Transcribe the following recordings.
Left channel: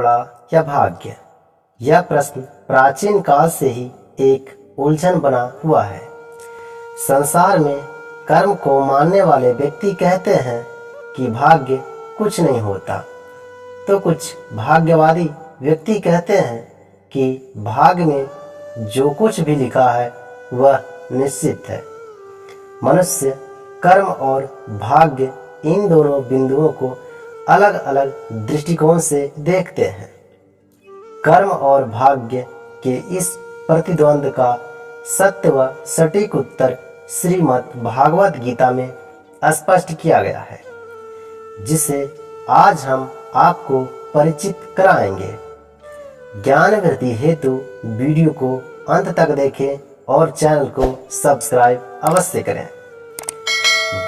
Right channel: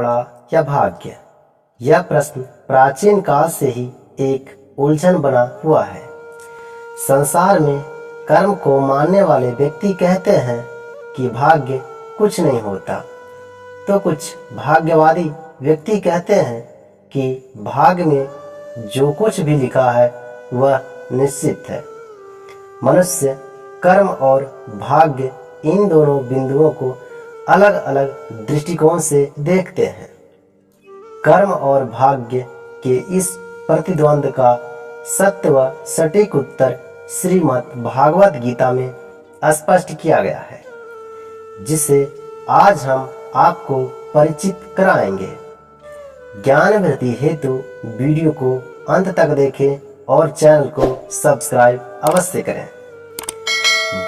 बड़ा या भाग्य? यह प्रश्न प्राचीन काल से ही एक उलझन बना हुआ है। संसार में कर्म को मानने वाले व्यक्ति कहते हैं कि भाग्य कुछ नहीं होता, तो कुछ भाग्यवादी व्यक्ति कहते हैं कि भाग्य में जो कुछ भी लिखा है वह निश्चित है। मनुष्य कर्म और भाग्य इन दोनों बिंदुओं को अलग अलग दृष्टिकोण से देखते हैं। कर्म और भाग्य के इस प्रतिद्वंद का सत्य व सटीक उत्तर श्रीमद् भागवत गीता में स्पष्ट किया गया है, जिसे आज हम आपको परिचित कराएंगे। ज्ञान वृद्धि हेतु वीडियो को अंत तक देखें और चैनल को सब्सक्राइब अवश्य करें।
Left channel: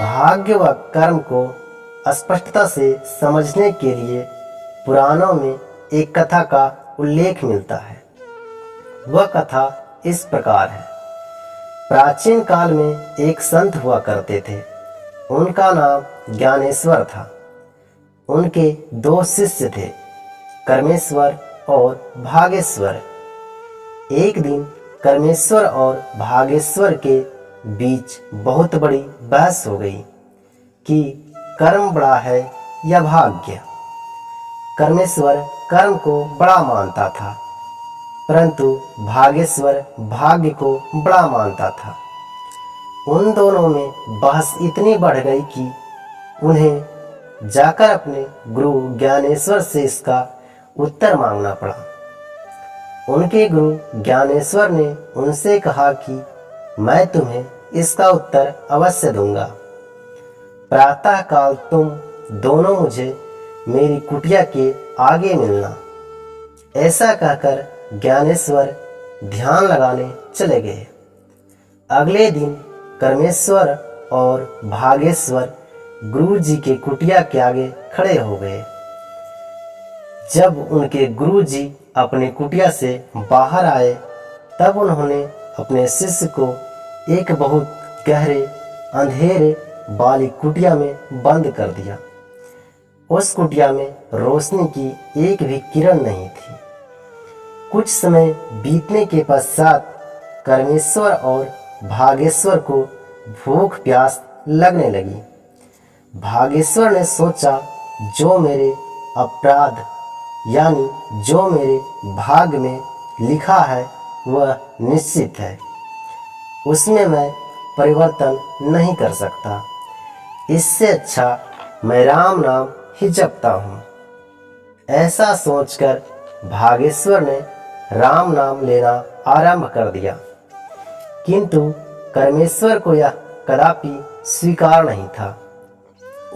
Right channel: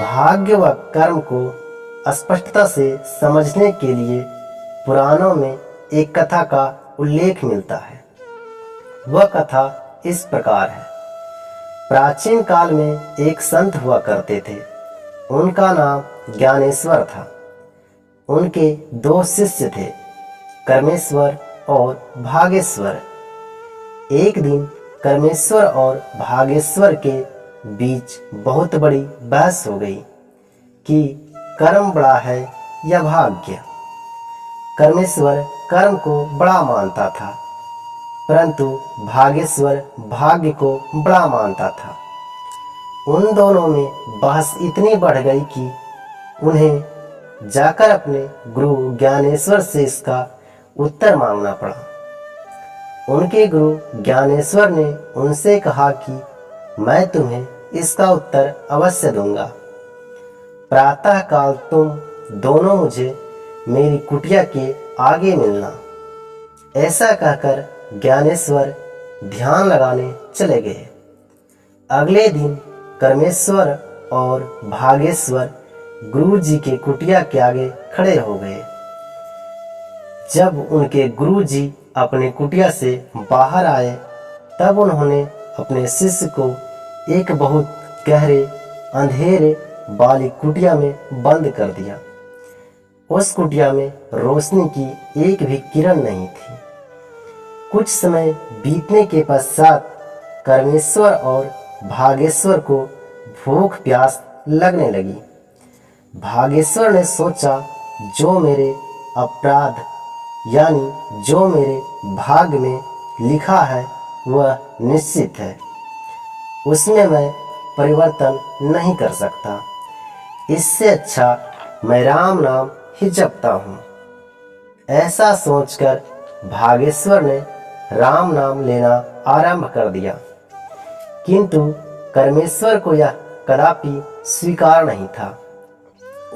भाग्य व कर्म को स्पष्टता से समझने के लिए पुराणों में एक कथा का उल्लेख मिलता है। वह कथा इस प्रकार है। प्राचीन काल में एक संत हुआ करते थे। उनका नाम ज्ञानेश्वर था। उनके दो शिष्य थे, कर्मेश्वर और भागेश्वर। एक दिन कर्मेश्वर और भागेश्वर के बीच बहुत बड़ी बहस हो गई कि कर्म बड़ा है या भाग्य। कर्मेश्वर कर्म को बड़ा मानता था, परंतु भागेश्वर भाग्य को बड़ा मानता था। उन दोनों में बहस इतनी बढ़ गई कि उन्हें जाकर अपने गुरु ज्ञानेश्वर से इसका उत्तर मांगना पड़ा। उनके गुरु ज्ञानेश्वर ने उनसे कहा कि मैं तुम्हें इसका उत्तर अवश्य दूंगा। प्रातः काल तुम दोनों मुझे मेरी कुटिया के आगे मिलना। ऐसा कहकर ज्ञानेश्वर ध्यान लगाने चले गए। अगले दिन कर्मेश्वर और भागेश्वर गुरु जी के कुटिया के आगे खड़े हो गए। जब उनके गुरु जी अपने कुटिया से बाहर आए, तब उन्होंने अपने शिष्य को एक बहुत गहरे अंधेरे वाली कुटिया में बंद कर दिया। उस कुटिया में रोशनी की एक भी किरण नहीं थी। कुछ समय बीतने के पश्चात कर्मेश्वर और भागेश्वर को भूख प्यास लगने लगी। भागेश्वर ने सोचा, जो मेरे अपराध यानी जो मेरे भाग्य में लिखा है वह निश्चित है, उसमें मैं परिवर्तन नहीं कर सकता। इससे अच्छा मैं राम नाम ही जपता हूँ। ऐसा सोचकर भागेश्वर ने राम नाम लेना आरंभ कर दिया, किंतु कर्मेश्वर को यह कदापि स्वीकार नहीं था।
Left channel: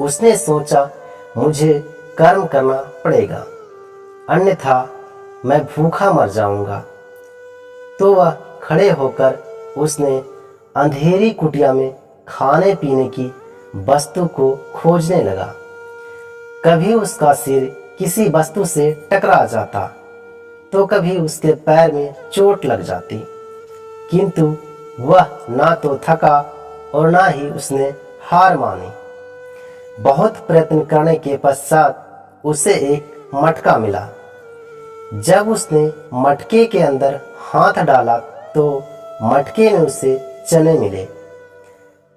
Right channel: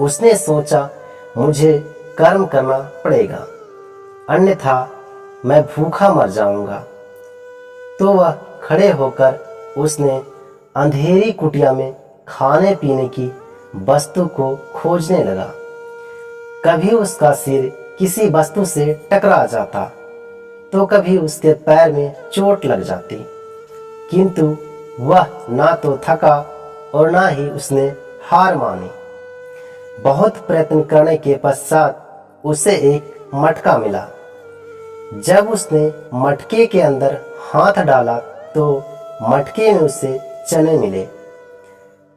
उसने सोचा, मुझे कर्म करना पड़ेगा, अन्यथा मैं भूखा मर जाऊंगा। तो वह खड़े होकर उसने अंधेरी कुटिया में खाने पीने की वस्तु को खोजने लगा। कभी उसका सिर किसी वस्तु से टकरा जाता, तो कभी उसके पैर में चोट लग जाती, किंतु वह ना तो थका और ना ही उसने हार मानी। बहुत प्रयत्न करने के पश्चात उसे एक मटका मिला। जब उसने मटके के अंदर हाथ डाला तो मटके में उसे चने मिले।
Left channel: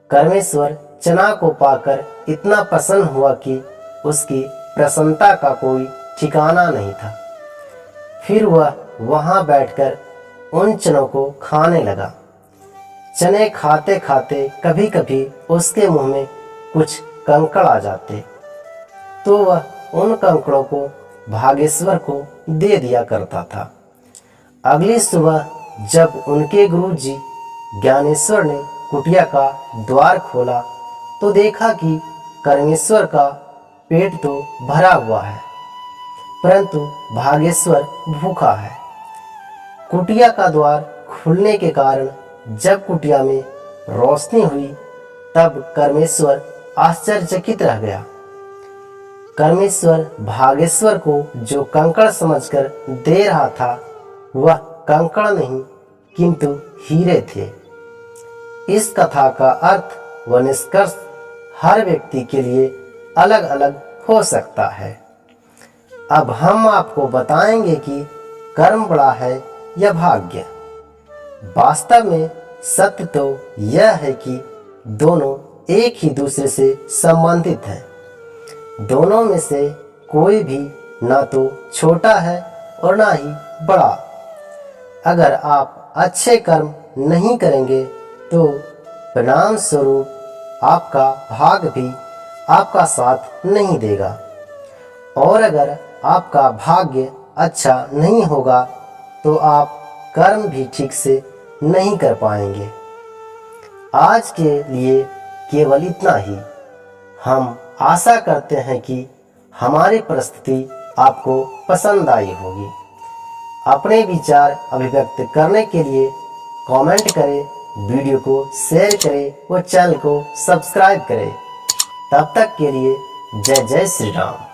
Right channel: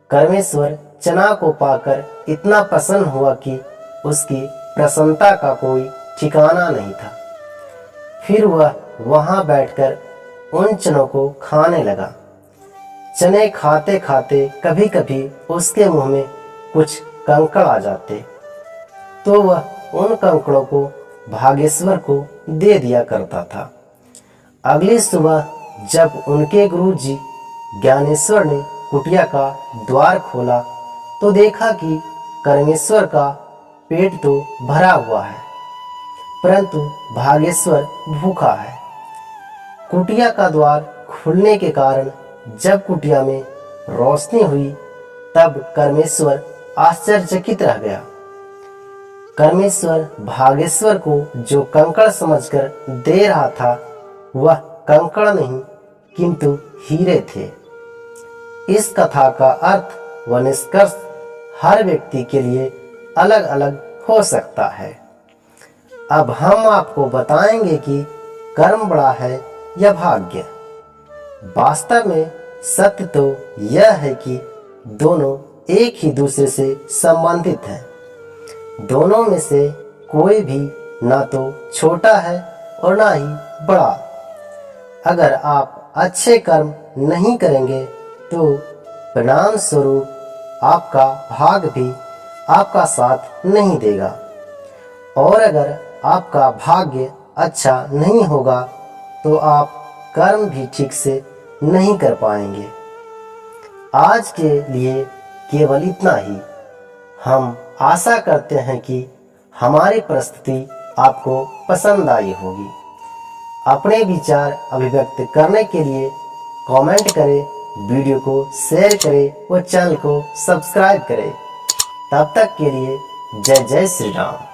कर्मेश्वर चना को पाकर इतना प्रसन्न हुआ कि उसकी प्रसन्नता का कोई ठिकाना नहीं था। फिर वह वहां बैठकर उन चनों को खाने लगा। चने खाते खाते कभी कभी उसके मुंह में कुछ कंकड़ आ जाते, तो वह उन कंकड़ों को भागेश्वर को दे दिया करता था। अगली सुबह जब उनके गुरु जी ज्ञानेश्वर ने कुटिया का द्वार खोला, तो देखा कि कर्मेश्वर का पेट तो भरा हुआ है, परंतु भागेश्वर भूखा है। कुटिया का द्वार खुलने के कारण जब कुटिया में रोशनी हुई, तब कर्मेश्वर आश्चर्यचकित रह गया। कर्मेश्वर भागेश्वर को जो कंकड़ समझकर दे रहा था, वह कंकड़ नहीं किंतु हीरे थे। इस कथा का अर्थ व निष्कर्ष हर व्यक्ति के लिए अलग अलग हो सकता है। अब हम आपको बताएंगे कि कर्म बड़ा है या भाग्य। वास्तव में सत्य तो यह है कि दोनों एक ही दूसरे से संबंधित हैं। दोनों में से कोई भी ना तो छोटा है और ना ही बड़ा। अगर आप अच्छे कर्म नहीं करेंगे तो परिणाम स्वरूप आपका भाग भी आपका साथ नहीं देगा, और अगर आपका भाग्य अच्छा नहीं होगा तो आप कर्म भी ठीक से नहीं कर पाएंगे। आज के लिए केवल इतना ही। हम आशा करते हैं कि हमारी प्रस्तुति आपको पसंद आई होगी। अपने विचार अभिव्यक्त करने के लिए कमेंट करें, वीडियो को शेयर करें और चैनल को सब्सक्राइब करें। तब तक के लिए जय जय श्री राम।